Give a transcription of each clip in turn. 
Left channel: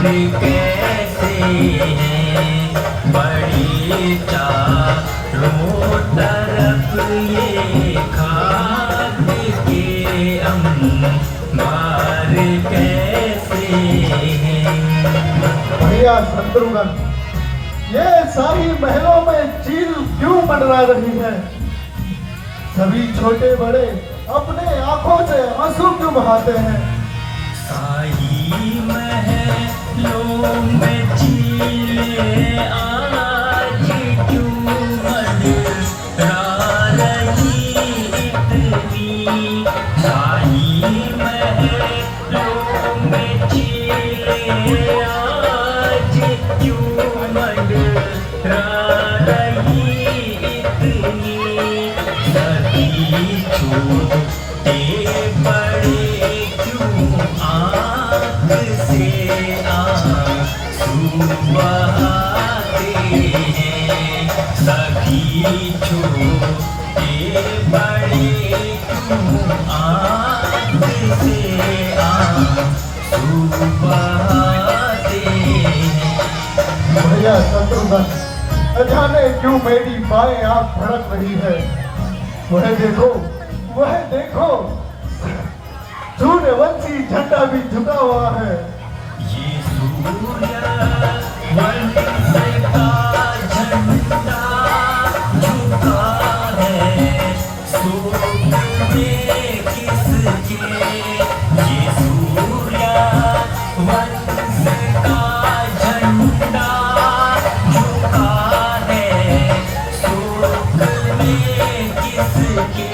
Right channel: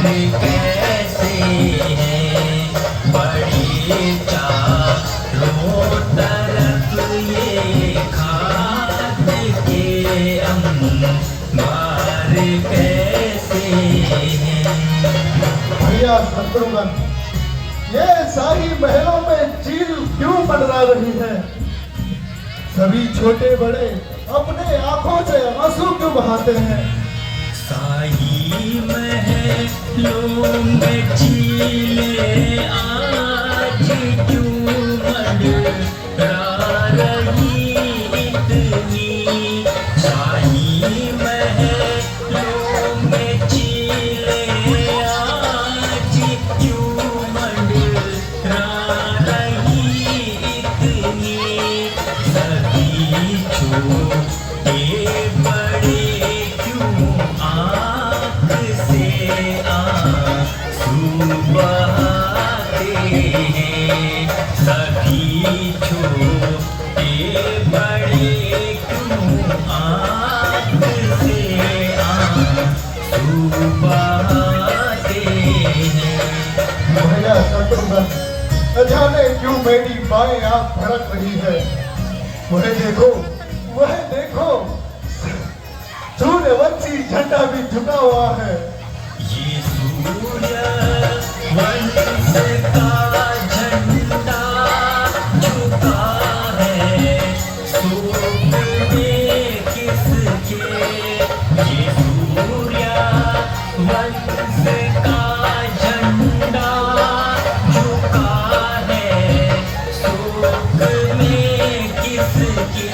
कैसे हैं बड़ी चारों तरफ ये खाक के अंबार कैसे हैं। भैया शत्रुघ्न, ये सारी महलों में चील क्यों मंडरा रही है? सभी छोटे बड़े अपने आंखों से आंसू क्यों बहाते हैं? साही महलों में चीलें आज क्यों मंडरा रही इतनी। साही महलों में चीलें आज क्यों मंडरा रही इतनी। सभी छोटे बड़े क्यों आँख से आंसू बहाते हैं। सभी छोटे बड़े क्यों आँख से आंसू बहाते हैं। भैया शत्रुघ्न, अजाने क्यों मेरी बाएं आंख धड़क रही है। वह देखो, वह देखो, सूर्यवंशी झंडा भी झुका हुआ है। ये सूर्यवंश का झंडा झुका है सूर्य में किसके। ये सूर्यवंश का झंडा झुका है सूर्य में किसके।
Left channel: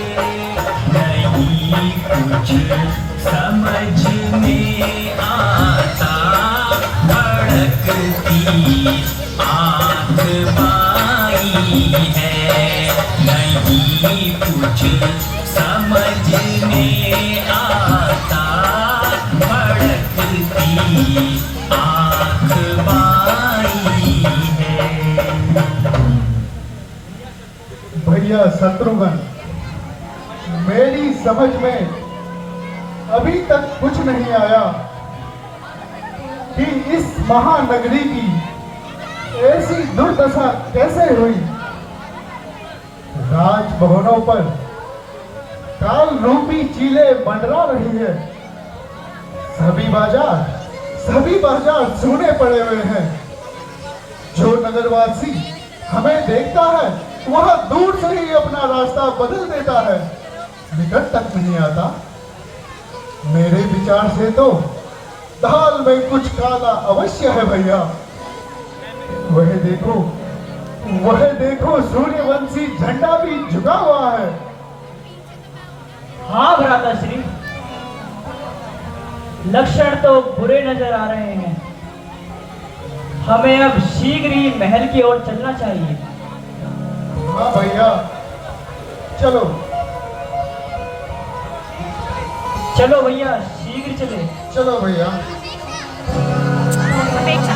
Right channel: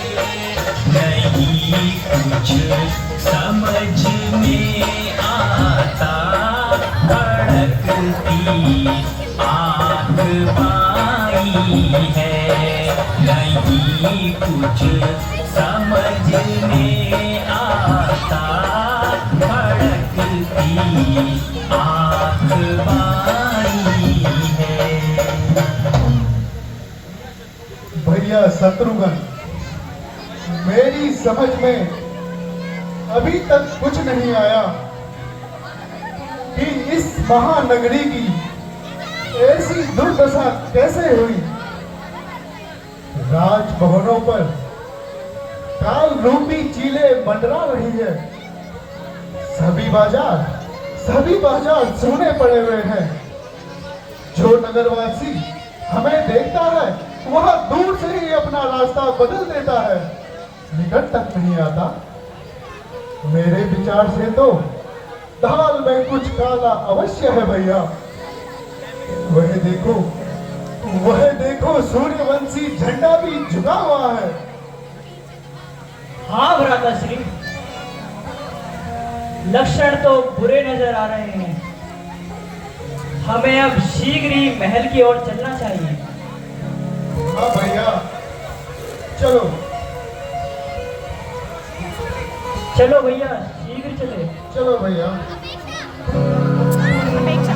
नहीं कुछ समझ में आता भड़कती आँख बाई है। नहीं कुछ समझ में आता भड़कती आँख बाई है। भैया शत्रुघ्न, मेरी समझ में अभी तक कुछ नहीं आया कि इस महानगरी की ऐसी दुर्दशा कैसे हुई। राजभवनों पर काल रूपी चीलें मंडरा रही है। सभी बाजार सूने पड़े हुए हैं। जो नगरवासी हमें देखता है वह दूर से ही अपना रास्ता बदल देता है, निकट तक नहीं आता। मेरे विचार से तो दाल में कुछ काला अवश्य है भैया। वह देखो सूर्यवंशी झंडा भी झुका हुआ है। हाँ भ्राताश्री, लक्षण तो बुरे नजर आ रहे हैं। हमें अब शीघ्र ही महल की ओर चलना चाहिए। हाँ भैया, चलो चलो भैया, शीघ्र चले। चलो भैया। अपेक्षा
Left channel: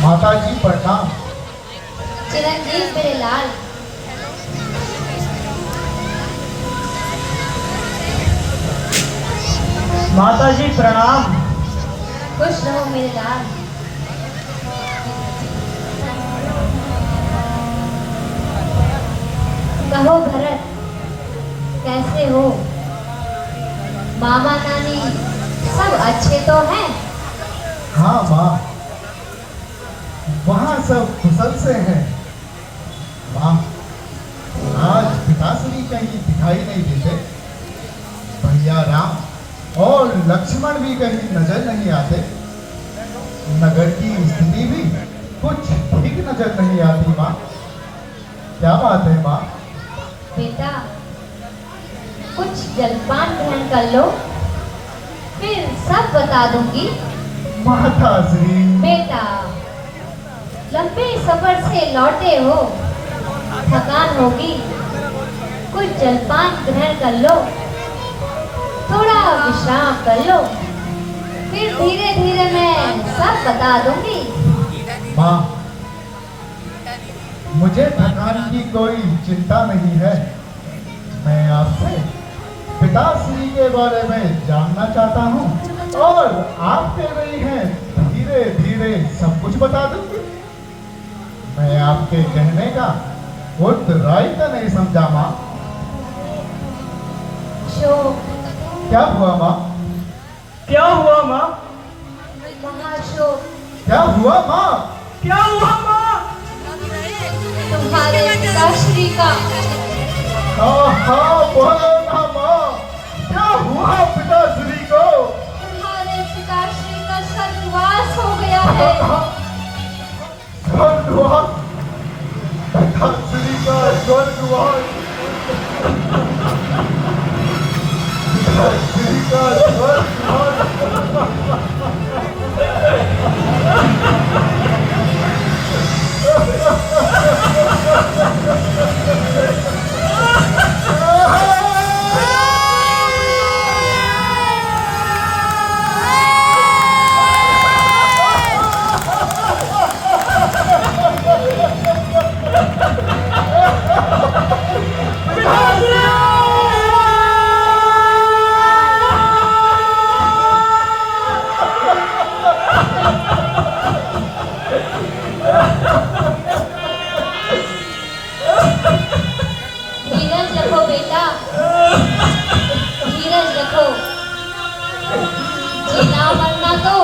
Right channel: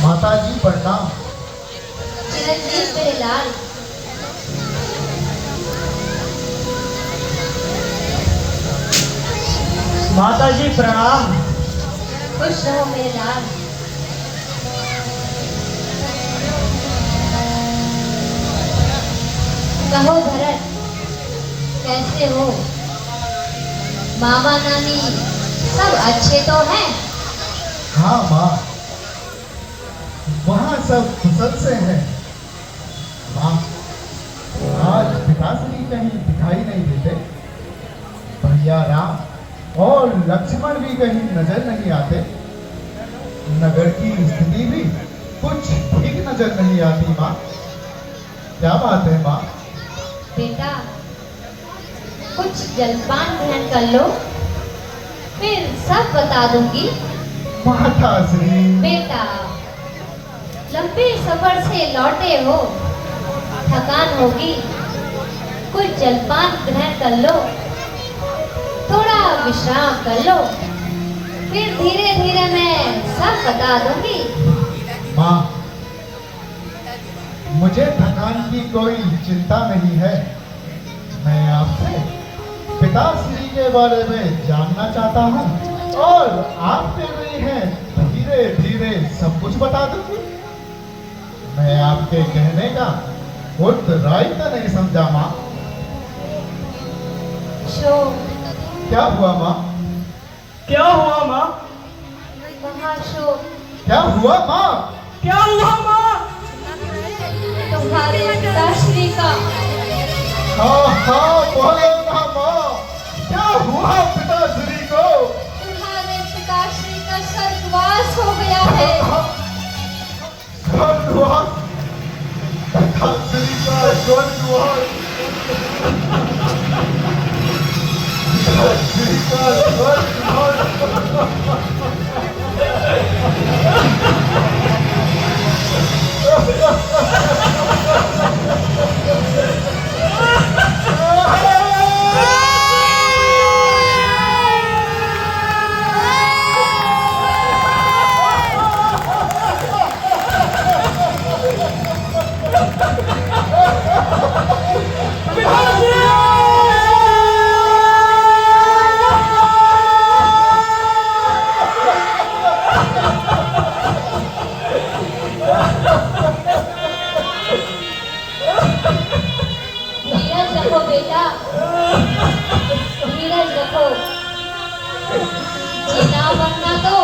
माता जी प्रणाम। चिरंजीव मेरे लाल। माता जी प्रणाम। खुश रहो मेरे लाल। कहो भरत, कैसे हो? मामा नानी सब अच्छे तो हैं? हाँ माँ, वहाँ सब कुशल से हैं। माँ, आज पिताश्री कहीं दिखाई नहीं देते। भैया राम और लक्ष्मण भी कहीं नजर नहीं आते। नगर की स्थिति भी कुछ ठीक नजर नहीं आती माँ। क्या बात है माँ? बेटा, कुछ जलपान ग्रहण कर लो, फिर सब बता दूंगी। माताश्री। बेटा, लंबे सफर से लौटे हो, थकान होगी, कोई जलपान ग्रहण कर लो, थोड़ा विश्राम कर लो, फिर धीरे धीरे मैं सब बता दूंगी। माँ, मुझे थकान की कोई चिंता नहीं है। मैं आपसे पिताश्री के बारे में जानना चाहता हूँ और आप कह रही हैं धीरे धीरे सब कुछ बता दूंगी। मैं आपके कहने का उत्तरायित नहीं समझा माँ। शोक, क्या हुआ माँ? क्या हुआ माँ? महाशोक, क्या हुआ माँ? क्या हुआ माँ? तुम्हारे पिताश्री का हाँ हाँ बोलो ना माँ, क्या हुआ पिताश्री को? तुम्हारे पिताश्री का स्वर्गवास हो गया है। स्वर्गवास? पिताश्री का स्वर्गवास? पिताश्री का स्वर्गवास? धीरज रखो बेटा, धीरज रखो। जीना मरना तो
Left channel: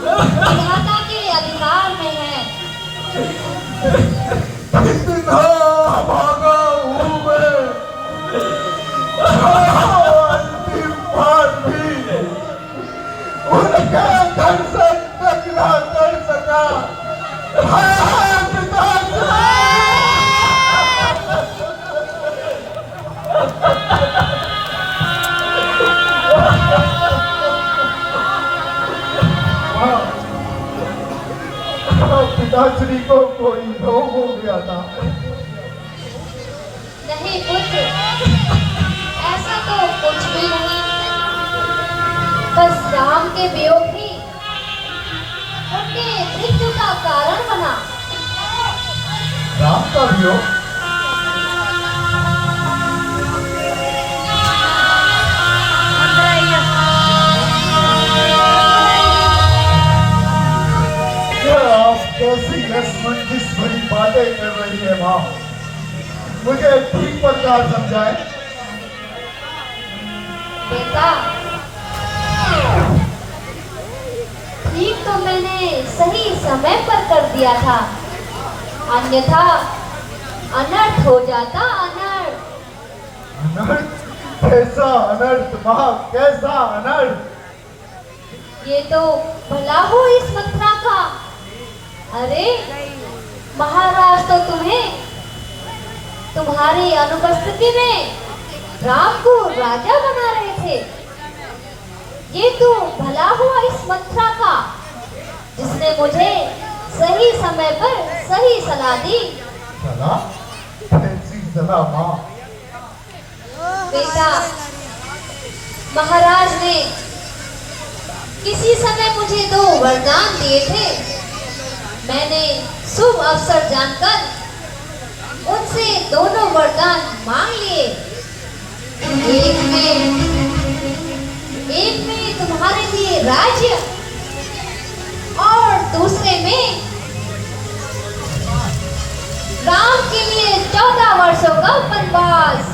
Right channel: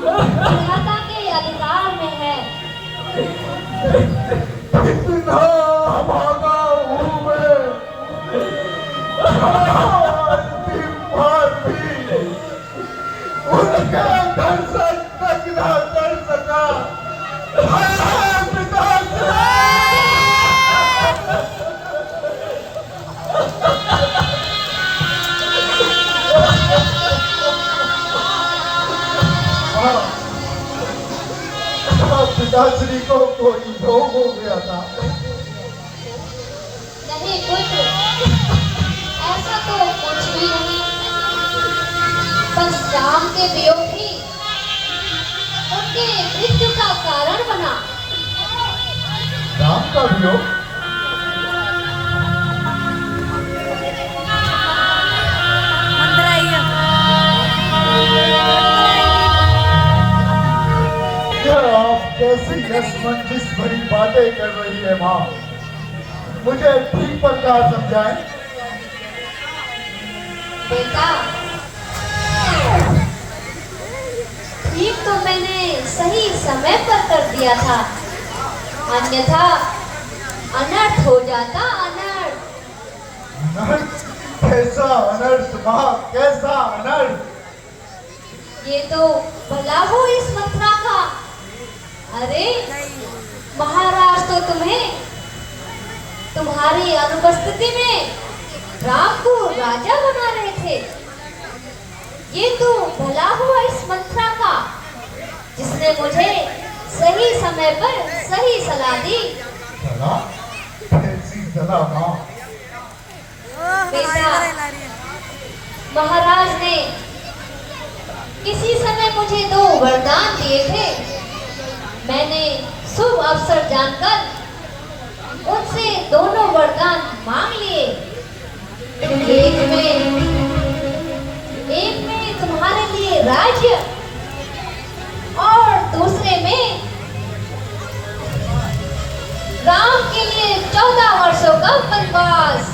विधाता के अधिकार में है। कितना भागा हूँ मैं, अंतिम बार भी उनके दर्शन तक न कर सका। हाँ, पिताश्री! पिताश्री को कोई रोग हो गया था। नहीं पुत्र, ऐसा तो कुछ भी नहीं। बस राम के वियोग ही उनके मृत्यु का कारण बना। राम का वियोग? आप कैसी असमंजस भरी बातें कर रही है माँ, मुझे ठीक प्रकार समझाएं। बेटा, ठीक तो मैंने सही समय पर कर दिया था, अन्यथा अनर्थ हो जाता, अनर्थ। अनर्थ? कैसा अनर्थ माँ, कैसा अनर्थ? ये तो भला हो इस मथुरा का। अरे महाराज तो तुम्हें तुम्हारी अनुपस्थिति में राम को राजा बना रहे थे। ये तो भला हुआ इस मथुरा का जिसने मुझे सही समय पर सही सलाह दी। सलाह? कैसी सलाह माँ? बेटा, महाराज ने किसी समय मुझे 2 वरदान दिए थे। मैंने शुभ अवसर जानकर उनसे दोनों वरदान मांग लिए। एक में तुम्हारे लिए राज्य और दूसरे में राम के लिए 14 वर्षों का वनवास।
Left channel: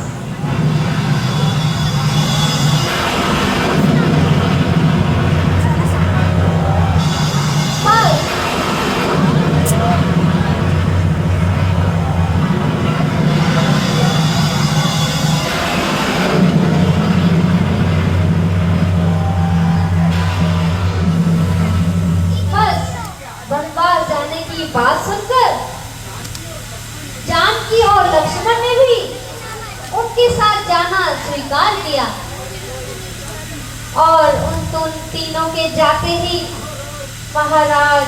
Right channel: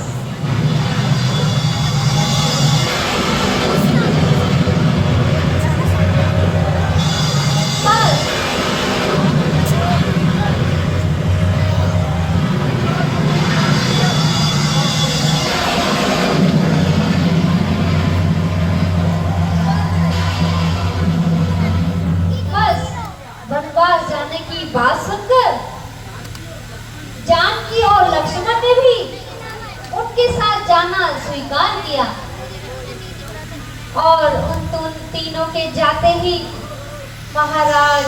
और उन तीनों के जाते ही महाराज।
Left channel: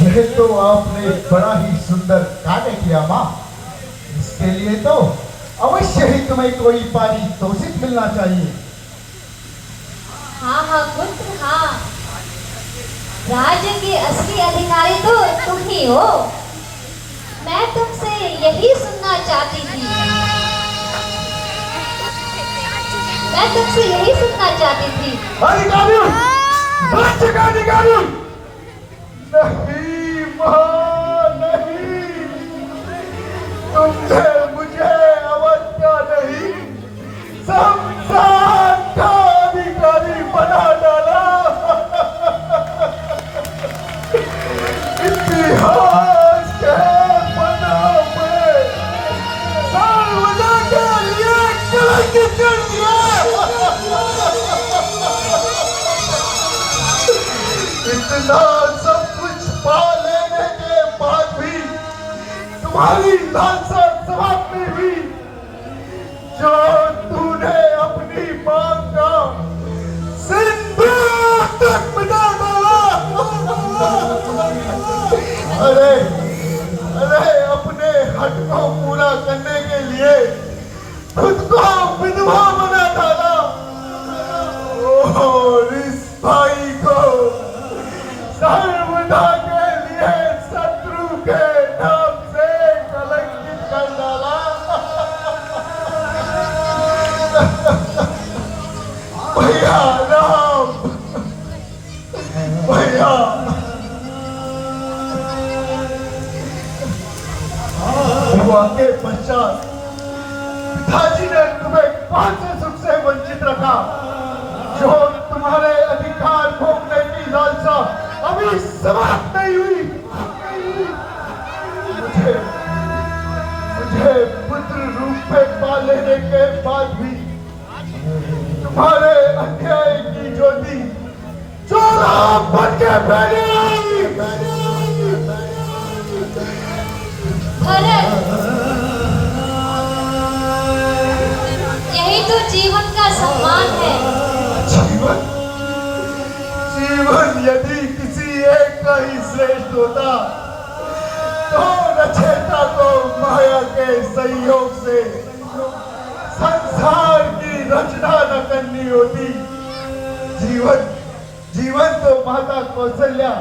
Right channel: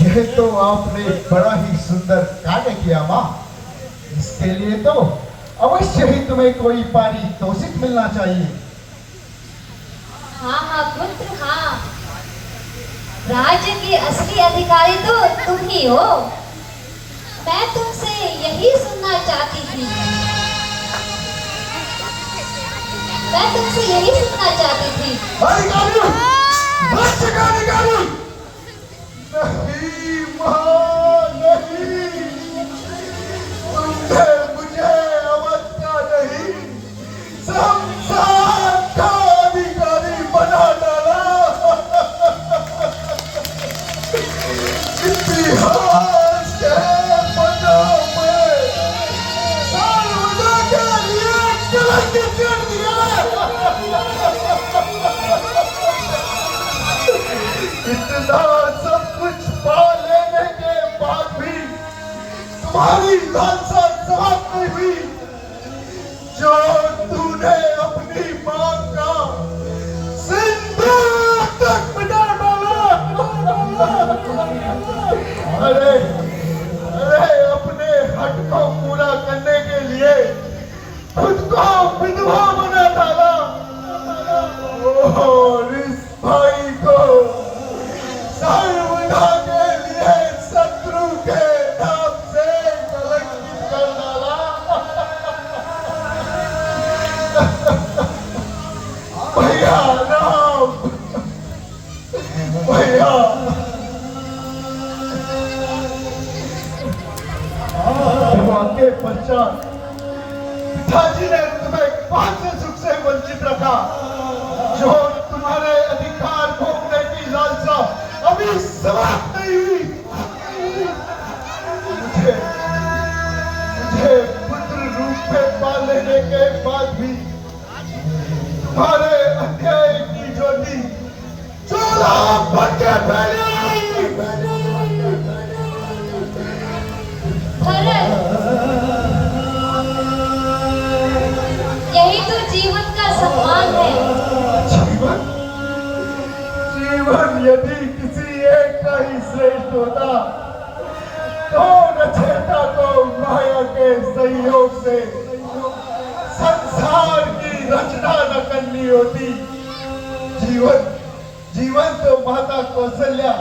यह तो आपने बड़ा ही सुंदर कार्य किया गया माँ। इसके लिए तो अवश्य ही तुम्हें कोई पारितोषिक मिलना चाहिए। हाँ हाँ पुत्र हाँ, राज्य के असली अधिकारी तो तुम ही हो। मैं तुमसे यही सुनना चाहती थी, मैं तुमसे यही सुनना चाहती थी। अधिकारी, राज्य का अधिकारी। नहीं माँ नहीं, तुमने मुझे अवज्ञा नहीं, संसार का अधिकारी बना डाला। इतिहास के पन्नों पे सर्वदा के लिए कलंकित कर दिया। इतना सब कुछ पा लेने के बाद भी तुम्हारी लालसा समाप्त नहीं हुई। जो तूने अपनी मांग का सिंदूर तक मिटा डाला। अरे अरे अपने हक को पूरा करने के लिए खुद को विधवा बना डाला और इस भाई को सर्वदा के लिए शत्रु के नाम से कलंकित कर डाला। भैया राम, भैया विवाह के पश्चात पिताजी ने तुम्हें पांच सुख से वंचित रखा। जो तुम्हारे अधिकार भोगने की लालसा अभी समाप्त नहीं हुई। मुझे पुत्र रूप में पाल लेने के बाद भी तुम्हारे अन्याय की ज्योति चोला बन के यही तो जीवन का सम्मान है। जीवन जीवन यदि किसी एक का ही श्रेष्ठ होता तो रचयिता को माया के संयोग से संसार की रचना न करनी होती। जीवन जीवन तो माता कौशल्या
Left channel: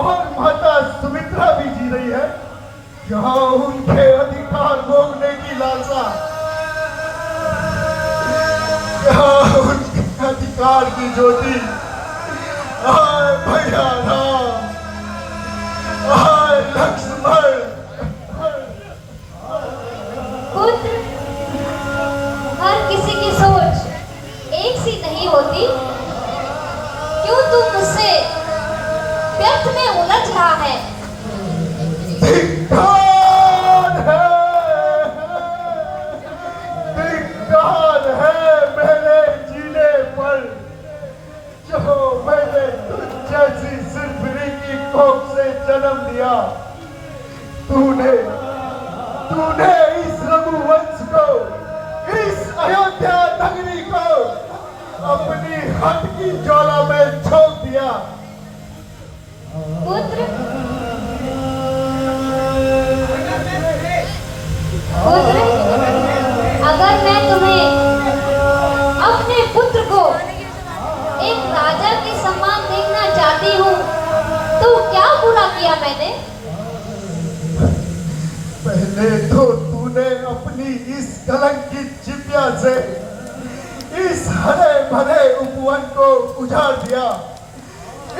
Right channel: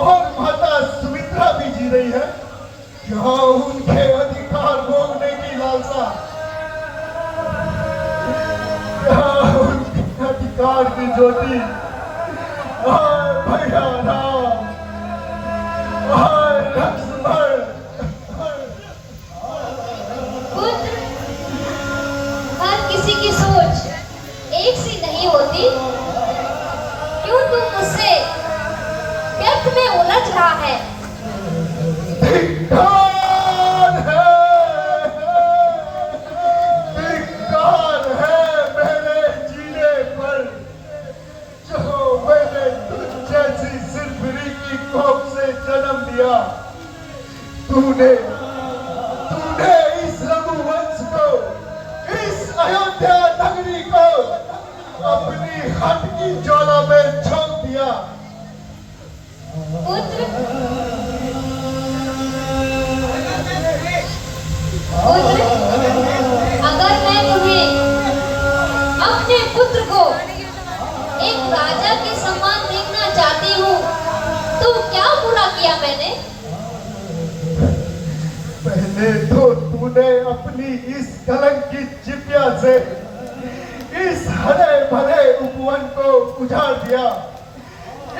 और माता सुमित्रा भी जी रही है, जहाँ उनके अधिकार भोगने की लालसा, जहाँ उनके अधिकार की ज्योति भैया राम, लक्ष्मण। पुत्र, हर किसी की सोच एक सी नहीं होती। क्यों तू मुझसे व्यर्थ में उलझ रहा है? धिक्कार है मेरे जीने पर, जो मैंने तुझ जैसी सिलवरी की कोख से जन्म लिया। तूने इस रघुवंश को, इस अयोध्या नगरी को अपनी हट की ज्वाला में झोंक दिया। पुत्र, अगर मैं तुम्हें अपने पुत्र को एक राजा के समान देखना चाहती हूँ तो क्या बुरा किया मैंने? पहले तो तूने अपनी इस कलंकित चिपिया से इस हरे भरे उपवन को उजाड़ दिया।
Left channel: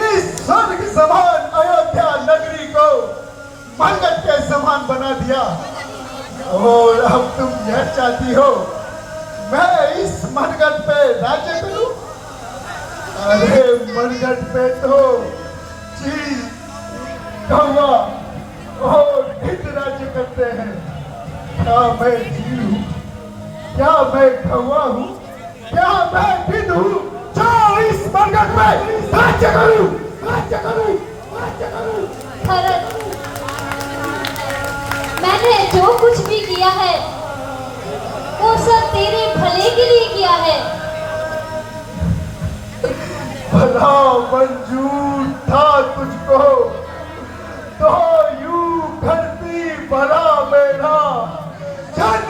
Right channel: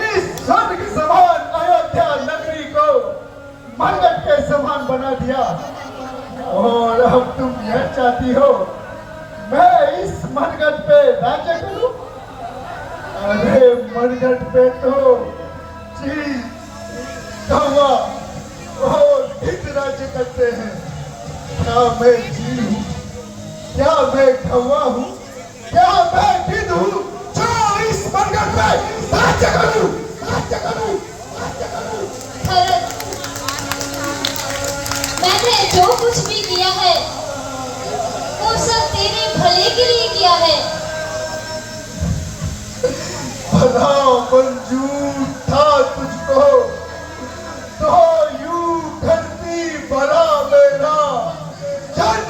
इस स्वर्ग समान अयोध्या नगरी को मंगत के समान बना दिया। और अब तुम यह चाहती हो मैं इस मनगढ़ पे राज्य करूं? अरे मनगढ़ पे तो चीज कौवा और ढिंड राज्य करते हैं। क्या मैं चील हूँ? क्या मैं कौवा हूँ? क्या मैं ढिंड हूँ? जो इस मनगढ़ पे राज्य करूं, राज्य करूं, राज्य करूं। भरत, मैंने जो कुछ भी किया है वो सब तेरे भले के लिए किया है। भला मंजूर था तुझको तो यूं धरती भरा में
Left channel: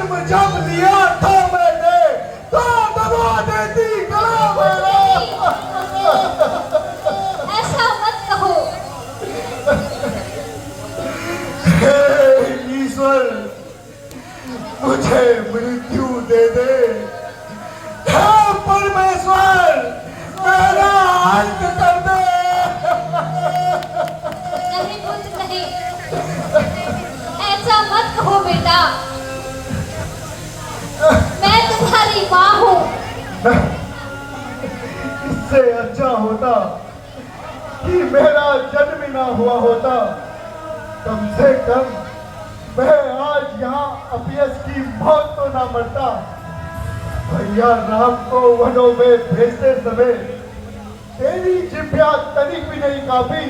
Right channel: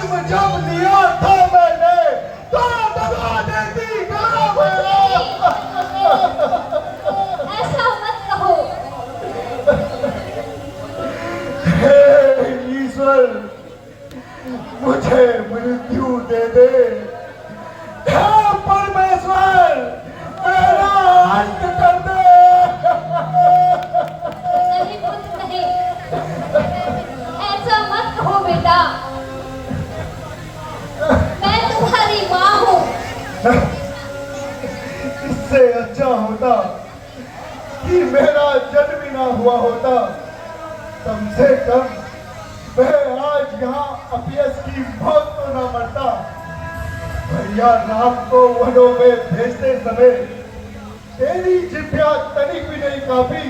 जन्म जब लिया था मैंने तो दबा देती कहाँ ऐसा मत कहो। हे ईश्वर मुझे मृत्यु दे दे। हे परमेश्वर मेरा अंत कर दे। नहीं पुत्र नहीं, ऐसा मत कहो बेटा। मैं तुम्हारी माँ हूँ। इससे अच्छा होता कि मेरा जन्म ही ना हुआ होता। कम से कम मैं आज यहाँ अपयस की मौत तो ना मरता। भैया राम को वनों में भेजते समय तेरी जिभ्या तनिक भी नहीं कापी।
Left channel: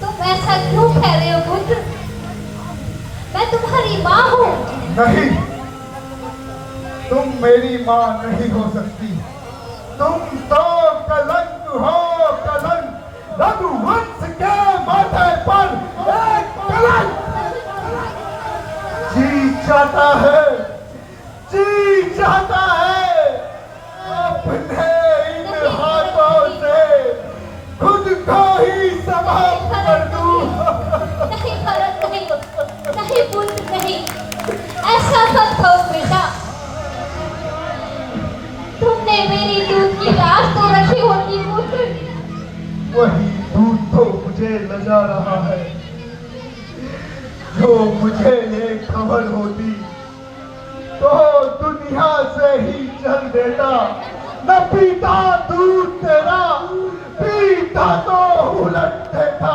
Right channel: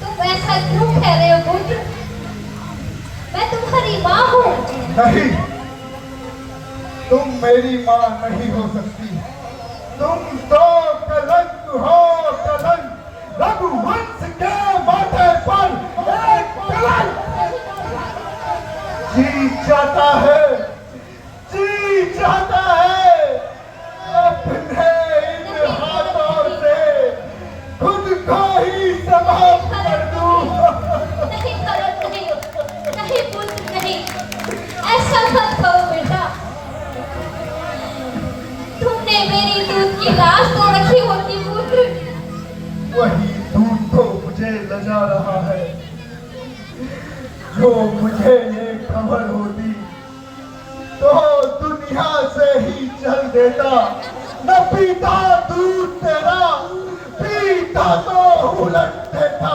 तुम ऐसा क्यों कह रहे हो पुत्र? मैं तुम्हारी माँ हूँ। नहीं, तुम मेरी माँ नहीं हो सकती। तुम तो कलंक हो, कलंक। रघुवंश के माथे पर एक कलंक। जी चाहता है, जी चाहता है अपने इन हाथों से खुद को ही समाप्त कर दूं। नहीं भरत नहीं, नहीं पुत्र नहीं, ऐसा मत कहो बेटा। तुमने मेरी दूध की लाश तो रखी होती पुत्र। वही दूध तो मुझे लजा रहा है। जो मुझे ये खबर होती तो दुनिया से ही चल देता। न पीता दूध तेरा, पीता तो उलट देता।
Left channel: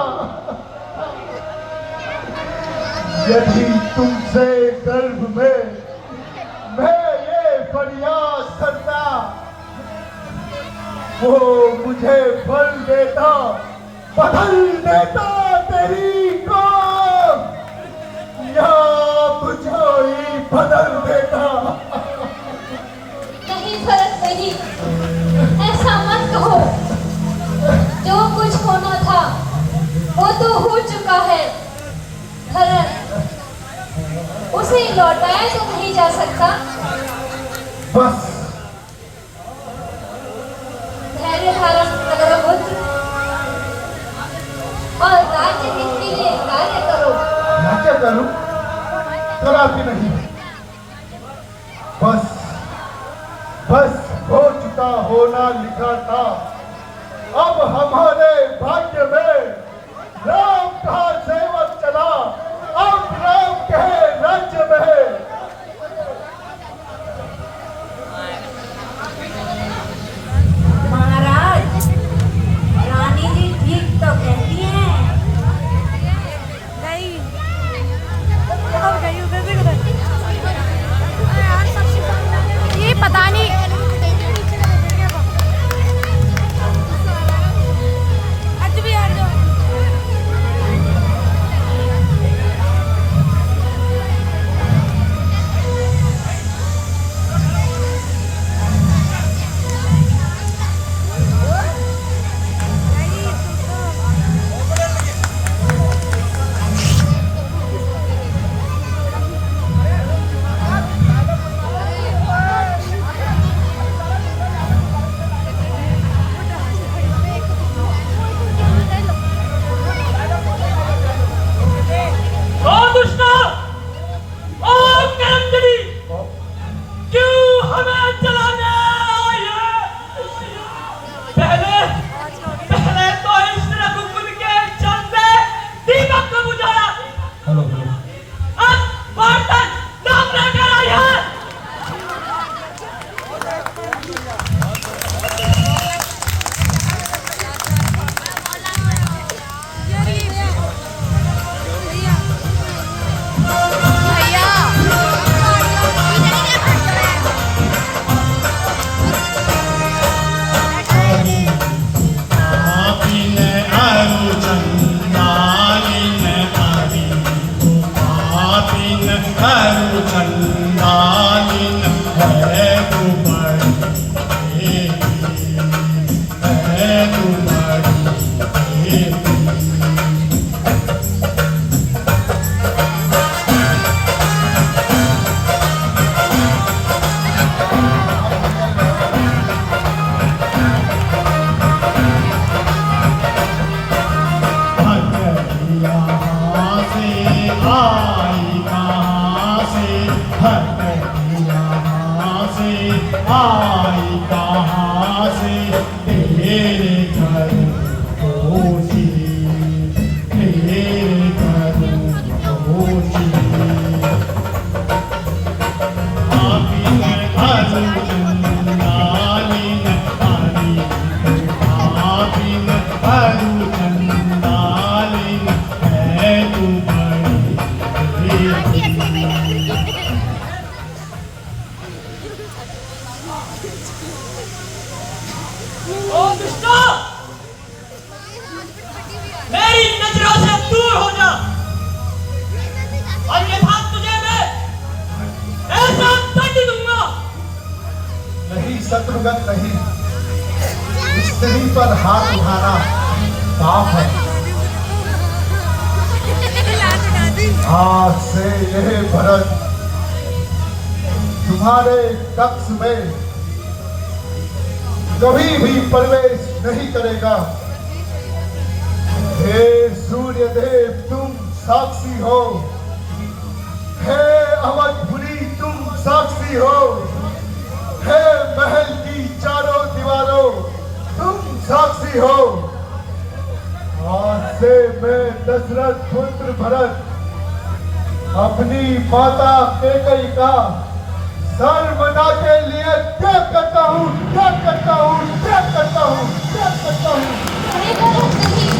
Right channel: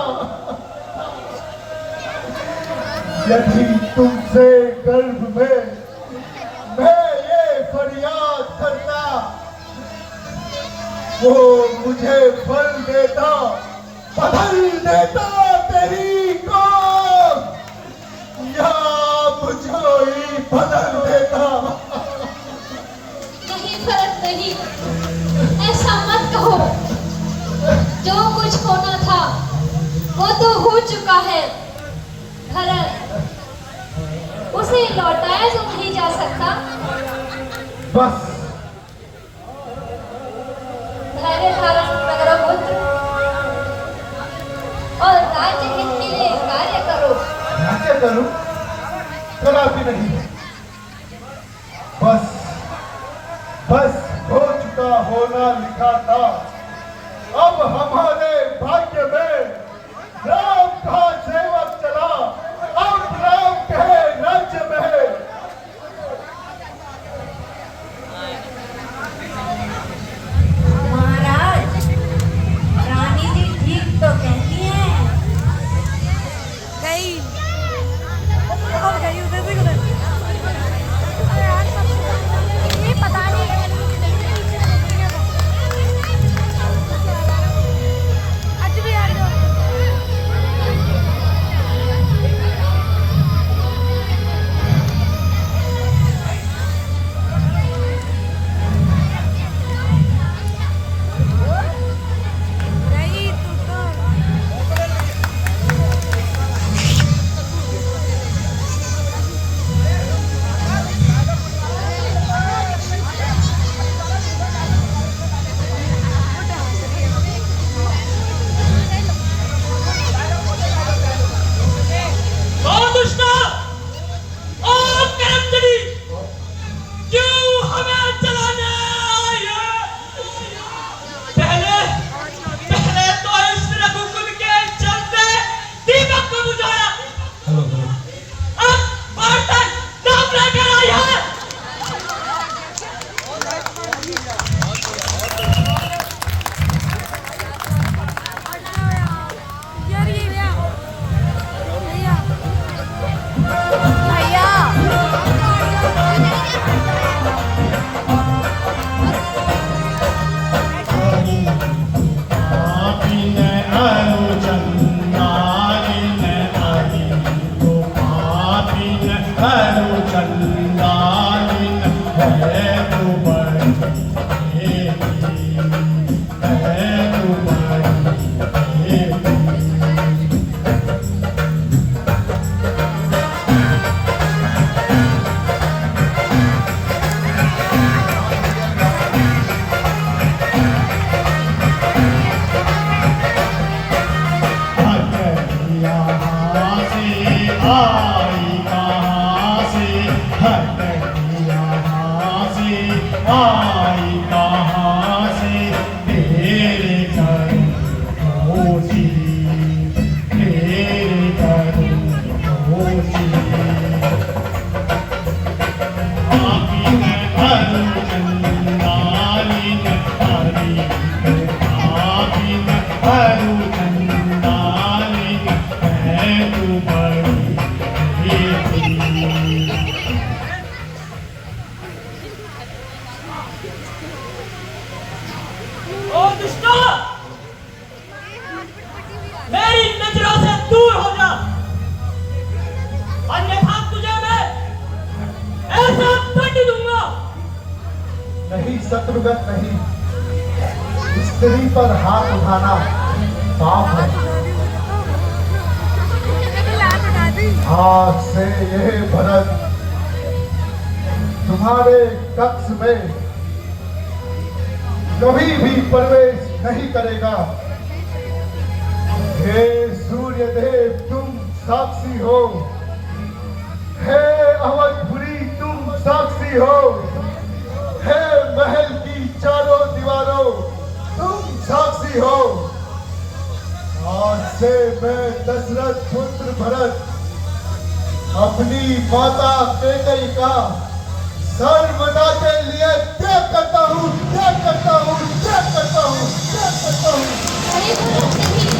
यदि तुमसे गर्भ में मैं ये फरियाद करता वो मुझे फल देता, बदल देता तेरी को, या मुझे ही बदल देता। नहीं भरत नहीं, ऐसा मत कहो। जो कुछ होना था वो तो हो चुका है भरत। उसे लौटाया तो नहीं जा सकता। बस धैर्य धारण करो पुत्र और राज्य हित के लिए कार्य करो। क्या करूं? जरा भी नहीं। बस बस हो चुका होना लिखा था। अब हमारे भाग्य में राम का सेवक चला। अब राम के राज्य में महाराज, रानी जी ठीक तो कहती हैं। ये पता नहीं और ये बात तुझे मैं ऐसा दंड दूंगा। नहीं शत्रुघ्न नहीं, स्त्री पर हाथ उठाना पाप है। आज से यह भरत तुम्हारे कक्ष में कभी भी प्रवेश नहीं करेगा। हे सूर्यदेव तुम साक्षी हो, हे अवधपुरी तुम साक्षी हो, हे महल की चारों दीवारों तुम साक्षी हो। आज से मैं दशरथ पुत्र भरत अपनी माता कैकेयी का सर्वदा के लिए त्याग करता हूँ, त्याग करता हूँ, त्याग करता हूँ, त्याग करता हूँ। अरे भरत नहीं,